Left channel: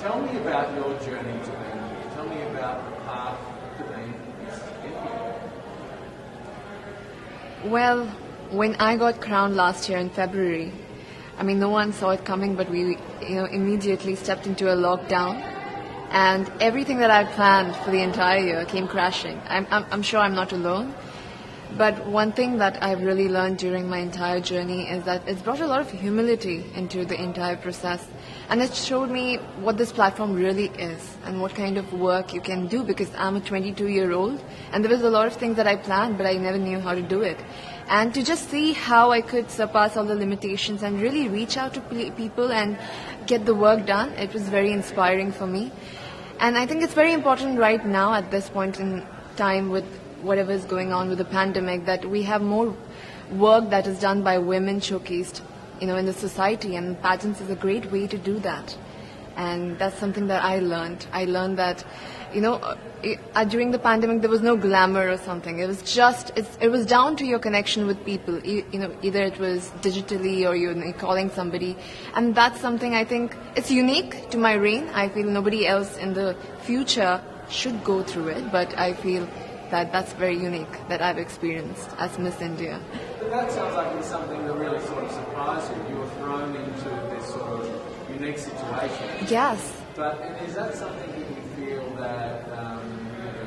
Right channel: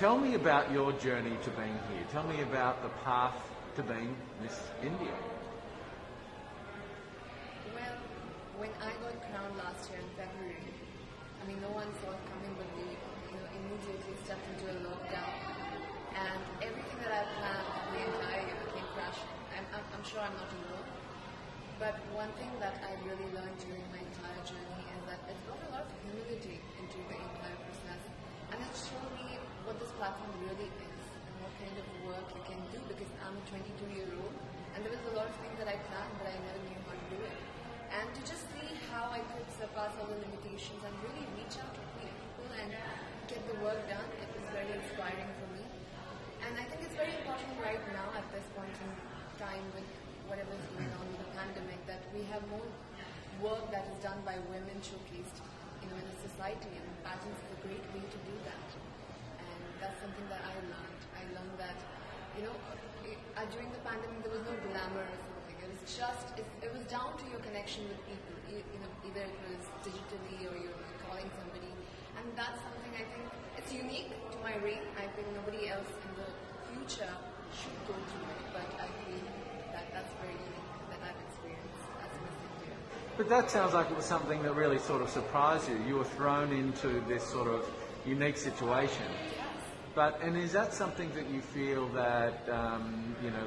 Tell me about your journey to being here. Tell me about the path to being Miss India. Well, when I got crowned last year in February, I mean, no one saw it coming, but we, immediately stepped into a lockdown, and everything that I planned for the entire year came crashing. I'm sure I'm not alone. But one thing that I've really learned during my entire journey is that it's brought a lot of humility into the entire process. And it showed me what this platform really is and what kind of work you can do, because I'm a 22-year-old and there was a lot of things that I planned, but I never knew how to do it. And to just see how I could surpass all the limitations and really reach out to people and get the work done, it was very inspiring for me. And I think it's very important right now at this point in time with whatever is going on with the pandemic, that we have more work that is done by women showcased, in the society, and pageants is a great way to do that. And that's something that I learned. I learned that, during the pandemic there was no glamour or something. It was just, it was down to your connection with people. Either it was digitally or you're calling somebody, and that's something I think it's unique to my reign. I feel nobody else in the future should go through it, but I feel that's very unique that I've experienced as Miss India. But that sounds like it's something that really sort of surprised you. You were thrown into this sort of unique situation. Yes. And is that something that you feel that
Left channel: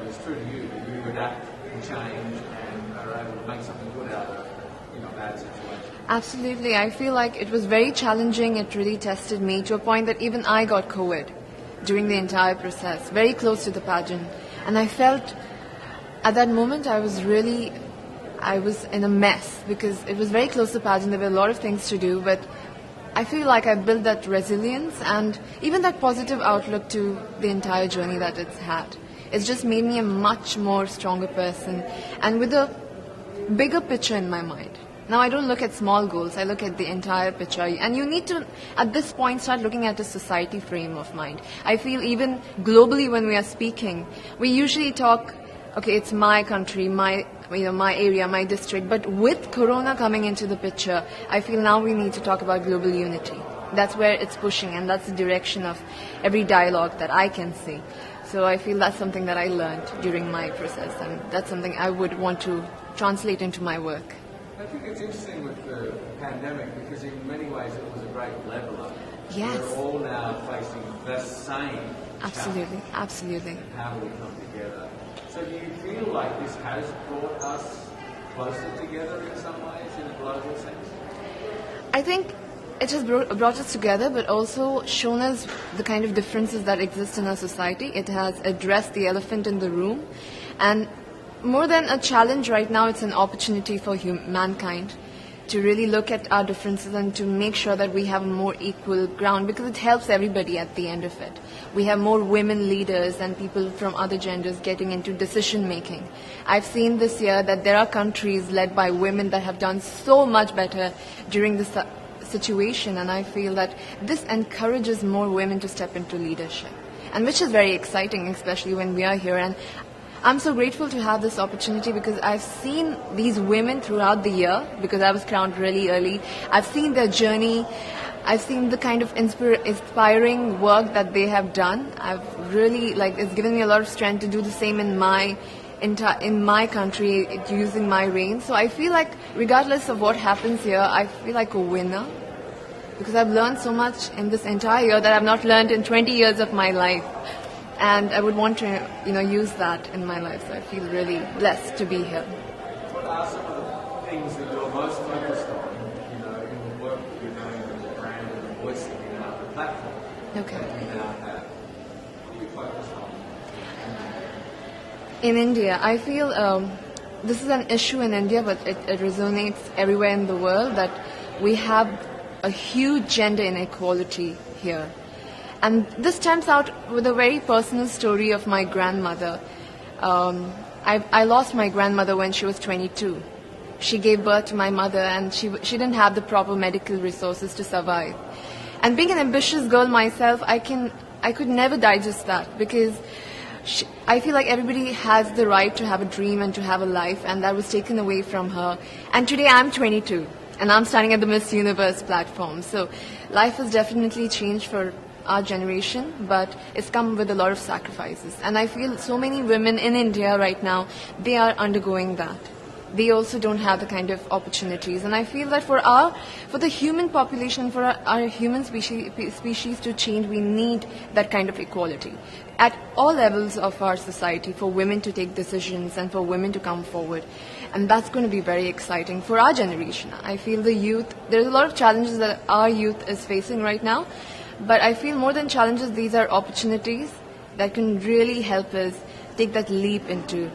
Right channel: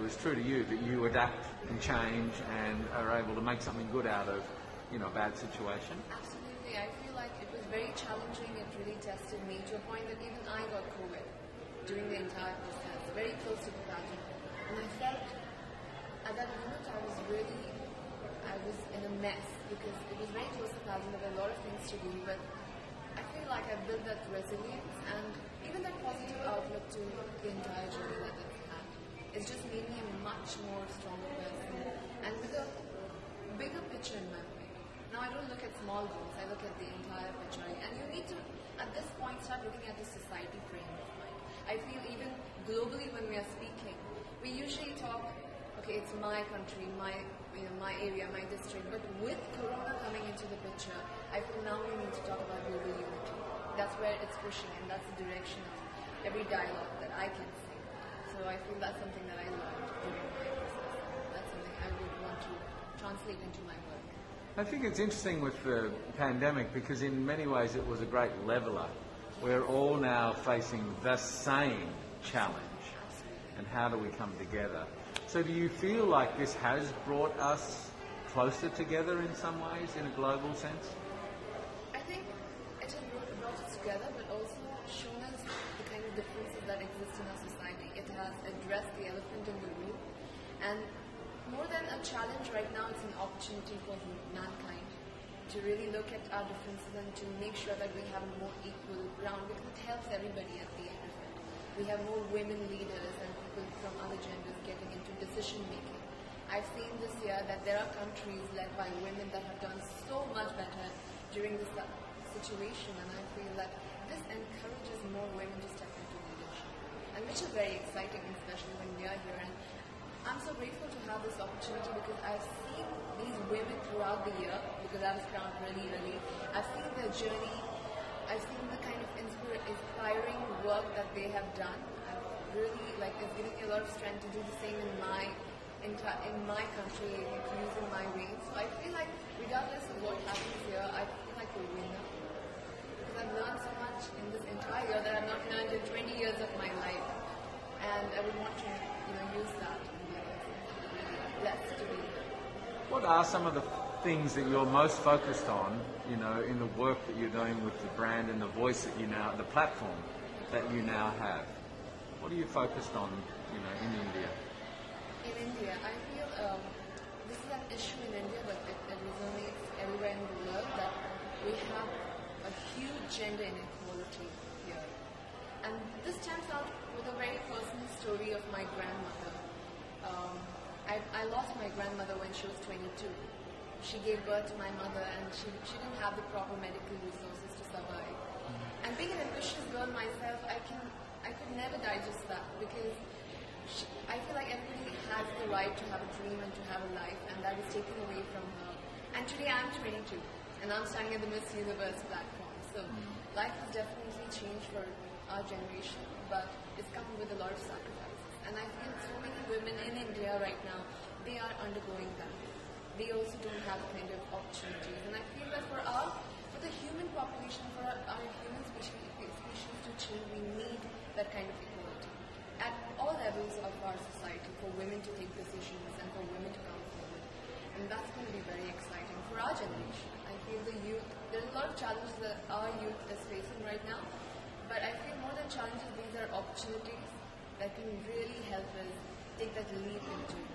is true to you, that you adapt and change and are able to make something good out of a bad situation? Absolutely. I feel like it was very challenging. It really tested me to a point that even I got COVID during the entire process, very close to the pageant. And I felt at that moment I was in a mess, because it was very close to the pageant. There were a lot of things to do, but I feel like I built that resilience and even that positive outlook to the entire journey that it's had. It's just made me a much more stronger person and with a bigger picture in my mind. Now I don't look at small goals, I look at the entire picture. And you need to, at this point, start looking at a society frame of mind. I feel even globally when we are speaking, we usually talk, okay, it's my country, my area, my district. But with Corona coming into the picture, I feel now we need to talk about global unity. That's where it's pushing, and that's the direction of every dialogue that I can see. So I feel that's something that I learned during my process, and that's something I would want to translate into my work. I think it's interesting with the pandemic, because in many ways it was a great leveler. Yes. We're all now facing the same challenge. Absolutely. And how do we come together? So do you feel like this has brought us closer together in some ways, in a global sense? I think it has brought us together, but also shown us the kind of differences that exist in our society. It has addressed the elephant in the room, and more than a challenge right now, it's an opportunity for mankind to really look at our differences and to make sure that we have more equal ground, because it helps everybody at the end of it. We have more women leaders and people from other genders getting into decision making. I've seen this year that there are countries led by women that have done so much better during this situation, and I feel that this encourages more women to step into leadership, and which is very exciting, especially when we are here. And I'm so grateful to have this opportunity, because I've seen these women throughout the year, because I was crowned really early. I've seen their journey. I've seen the kind of inspiring work that they have done. I've really, it's given me a lot of strength to do the same in my country, using my reign. So I feel like regardless of what happens here, I feel like a winner, because I've learned so much in this entire year that I've not learned in 20 years of my life. And I would want to, use that in my life. So I feel really blessed to be here. What are some of the things that you're most focused on, in the work that you're doing with the brand and the voice that you now have, the platform that you now have? What are you focused on in India? I feel this is an issue in India, but it resonates everywhere in the world, that we have a huge gender inequality here. And this stems out with a very personal story of my grandmother. I lost my grandmother when she was 22. She gave birth to my mother, and she didn't have the proper medical resources to survive. And being an ambitious girl myself, I could never digest that, because I feel like everybody has the right to have a dream and to have a life, and that was taken away from her. And today I'm 22, and I'm standing at the Miss Universe platform. So life has definitely changed for our generation, but it's come with a lot of sacrifices. And I feel so many women in India right now, they are undergoing that. They also don't have the kind of opportunities. And I feel that for the human population, for our human species to change, we need that kind of equality at all levels of our society, for women to take decisions and for women to come forward. And that's going to be very exciting for our generation. I feel the youth, there's a lot of challenges that our youth is facing right now, but I feel more than challenges, these are opportunities that can really help us take that leap into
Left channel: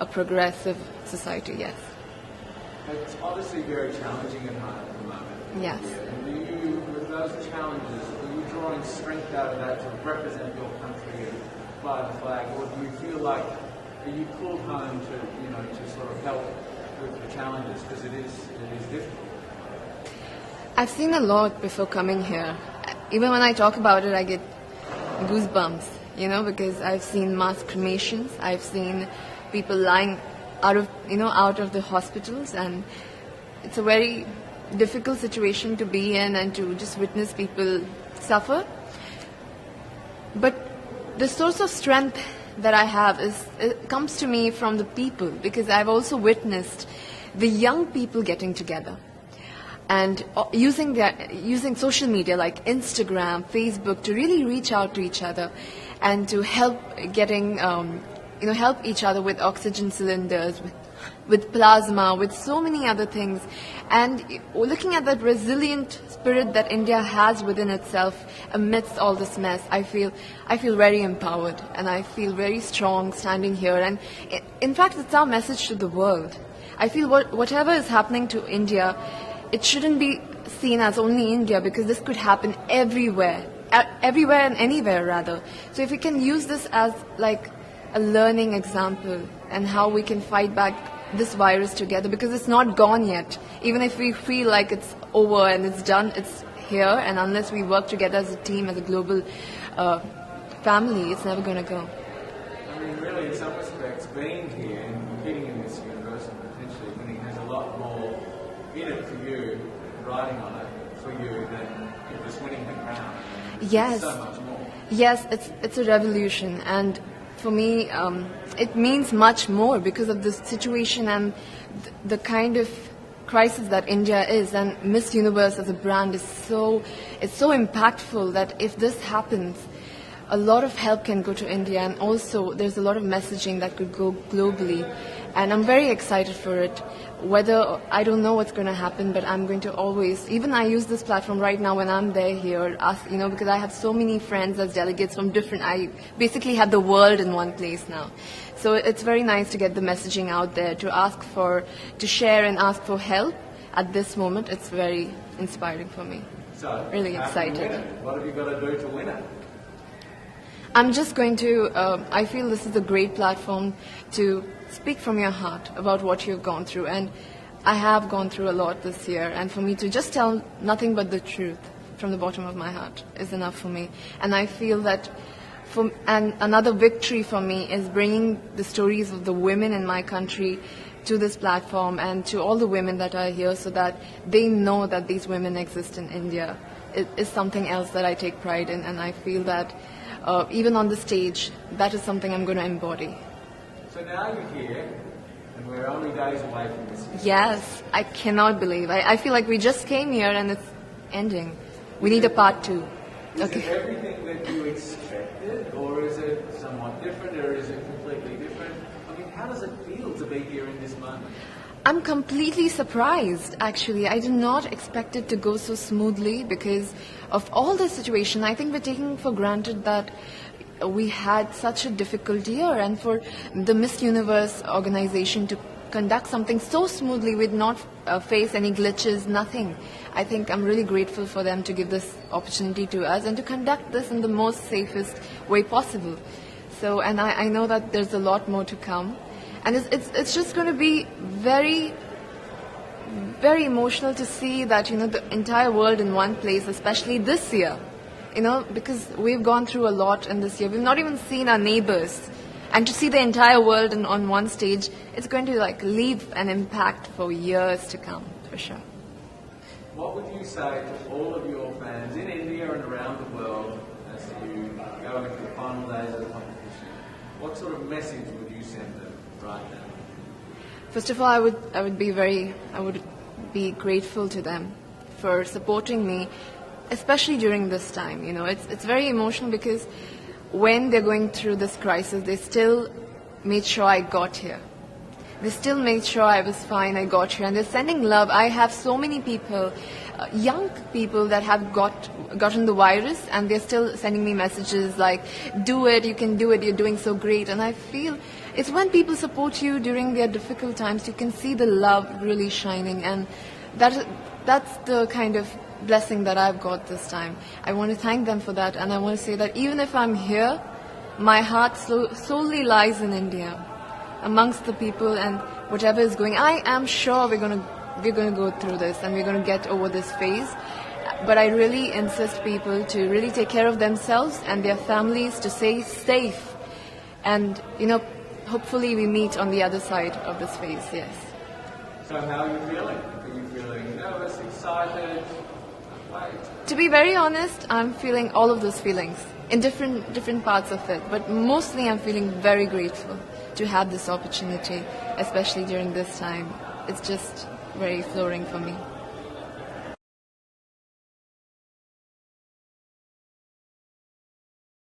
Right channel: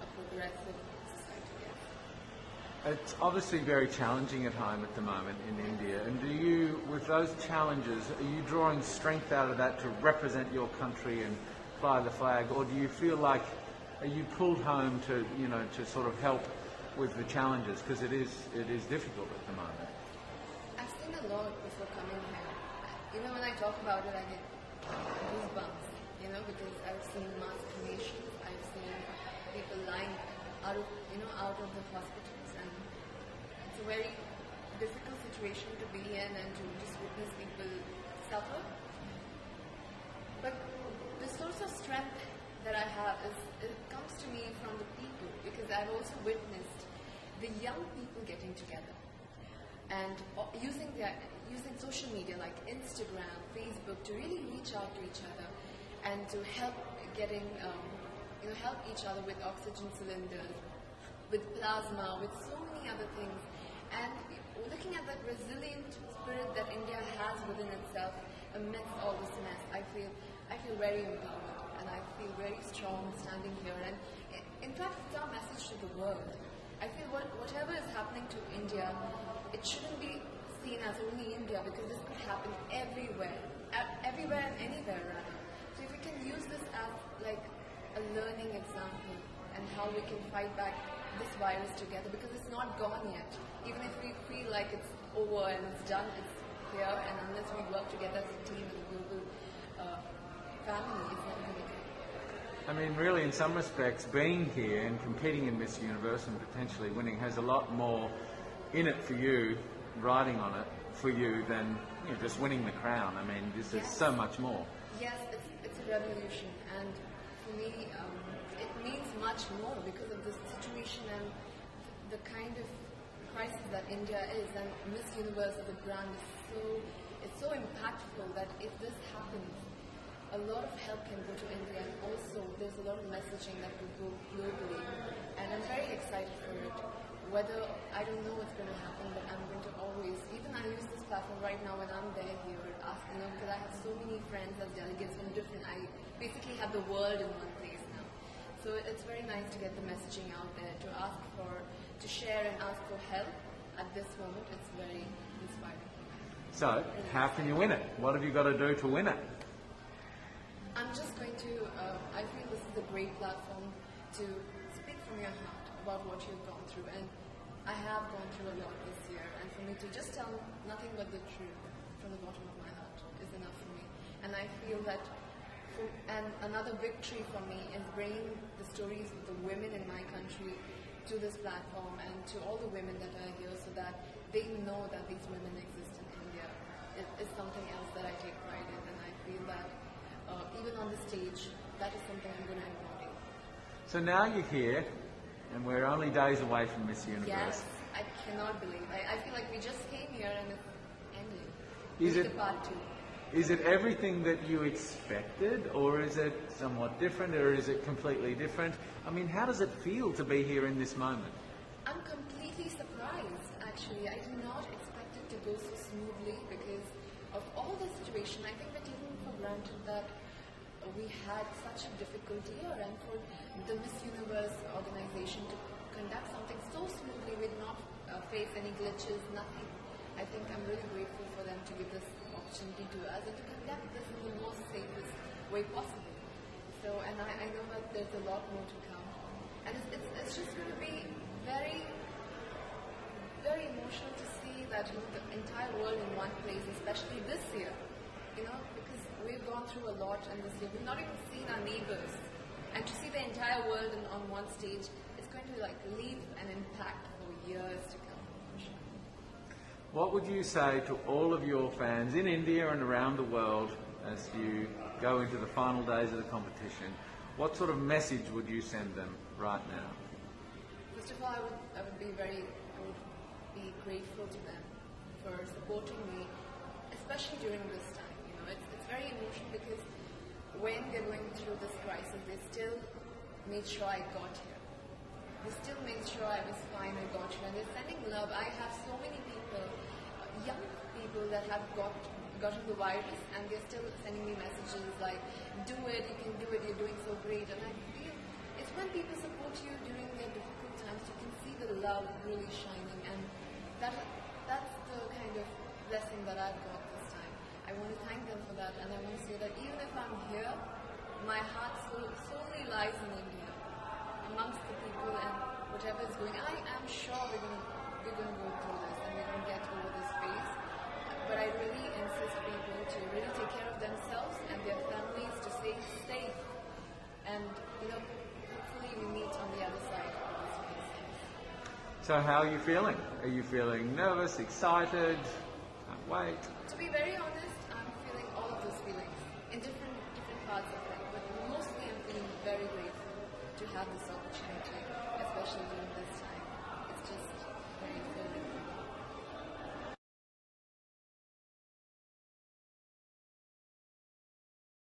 a progressive society, yes. It's obviously very challenging at the moment in Yes. India. And do you, with those challenges, are you drawing strength out of that to represent your country and fly the flag, or do you feel like, are you pulled home to, to sort of help with the challenges, because it is difficult at the moment? I've seen a lot before coming here. Even when I talk about it, I get goosebumps, because I've seen mass cremations, I've seen people lying out of the hospitals, and it's a very difficult situation to be in and to just witness people suffer. But the source of strength that I have it comes to me from the people, because I've also witnessed the young people getting together and using social media like Instagram, Facebook to really reach out to each other and to help help each other with oxygen cylinders, with plasma, with so many other things. And looking at that resilient spirit that India has within itself amidst all this mess, I feel very empowered, and I feel very strong standing here. And in fact, it's our message to the world. I feel whatever is happening to India, it shouldn't be seen as only India, because this could happen everywhere and anywhere rather. So if we can use this as like a learning example and how we can fight back this virus together, because it's not gone yet. Even if we feel like it's over and it's done, it's here, and unless we work together as a team, as a global family, it's never going to go. I mean, really, in some respects, being here and competing in this universe and potentially winning has a lot more in it for you, riding on it for you, than just winning the crown. I mean, Yes. so much more. Yes, it's a revolution, and for me, it means much more because of the situation and the kind of crisis that India is. And Miss Universe as a brand is so impactful that if this happens, a lot of help can go to India, and also there's a lot of messaging that could go globally. And I'm very excited for it. Whether, I don't know what's going to happen, but I'm going to always, even I use this platform right now when I'm there here, because I have so many friends as delegates from I basically have the world in one place now. So it's very nice to get the messaging out there, to share and ask for help at this moment. It's very inspiring for me. So, really how excited. do you win it? What have you got to do to win it? I'm just going to, I feel this is a great platform to speak from your heart about what you've gone through. And I have gone through a lot this year. And for me to just tell nothing but the truth from the bottom of my heart is enough for me. And I feel that another victory for me is bringing the stories of the women in my country to this platform and to all the women that are here, so that they know that these women exist in India. It is something else that I take pride in, and I feel that even on the stage, that is something I'm going to embody. So now you're here, and we're only days away from this year. Yes, I cannot believe. I feel like we just came here and it's ending. We need a part 2. Is it everything that you expected, or is it somewhat different, or is it completely different? I mean, how does it feel to be here in this moment? I'm completely surprised, actually. I did not expect it to go so smoothly because of all the situation. I think we're taking for granted that we had such a difficult year, and for the Miss Universe organization to conduct something so smoothly with not face any glitches, nothing. I think I'm really grateful for them to give this opportunity to us and to conduct this in the most safest way possible. So, and I know that there's a lot more to come. And it's just going to be very, very emotional to see that, the entire world in one place, especially this year, because we've gone through a lot in this year. We've not even seen our neighbors. And to see the entire world on one stage, it's going to leave an impact for years to come, for sure. What would you say to all of your fans in India and around the world as you go into the final days of the competition, what sort of message would you send them right now? First of all, I would be grateful to them for supporting me, especially during this time. You know, it's very emotional because when they're going through this crisis, they still made sure I got here. They still made sure I was fine, I got here, and they're sending love. I have so many people, young people that have gotten the virus, and they're still sending me messages like, do it, you can do it, you're doing so great. And I feel it's when people support you during their difficult times, you can see the love really shining, and that's the kind of blessing that I've got this time. I want to thank them for that, and I want to say that even if I'm here, my heart solely lies in India, amongst the people, and whatever is going. I am sure we're going to go through this, and we're going to get over this phase. But I really insist people to really take care of themselves and their families, to stay safe, and hopefully we meet on the other side of this phase. Yes. So how are you feeling? Are you feeling nervous, excited? Wait. To be very honest, I'm feeling all of those feelings in different parts of it. But mostly I'm feeling very grateful to have this opportunity, especially during this time. It's just very flooring for me.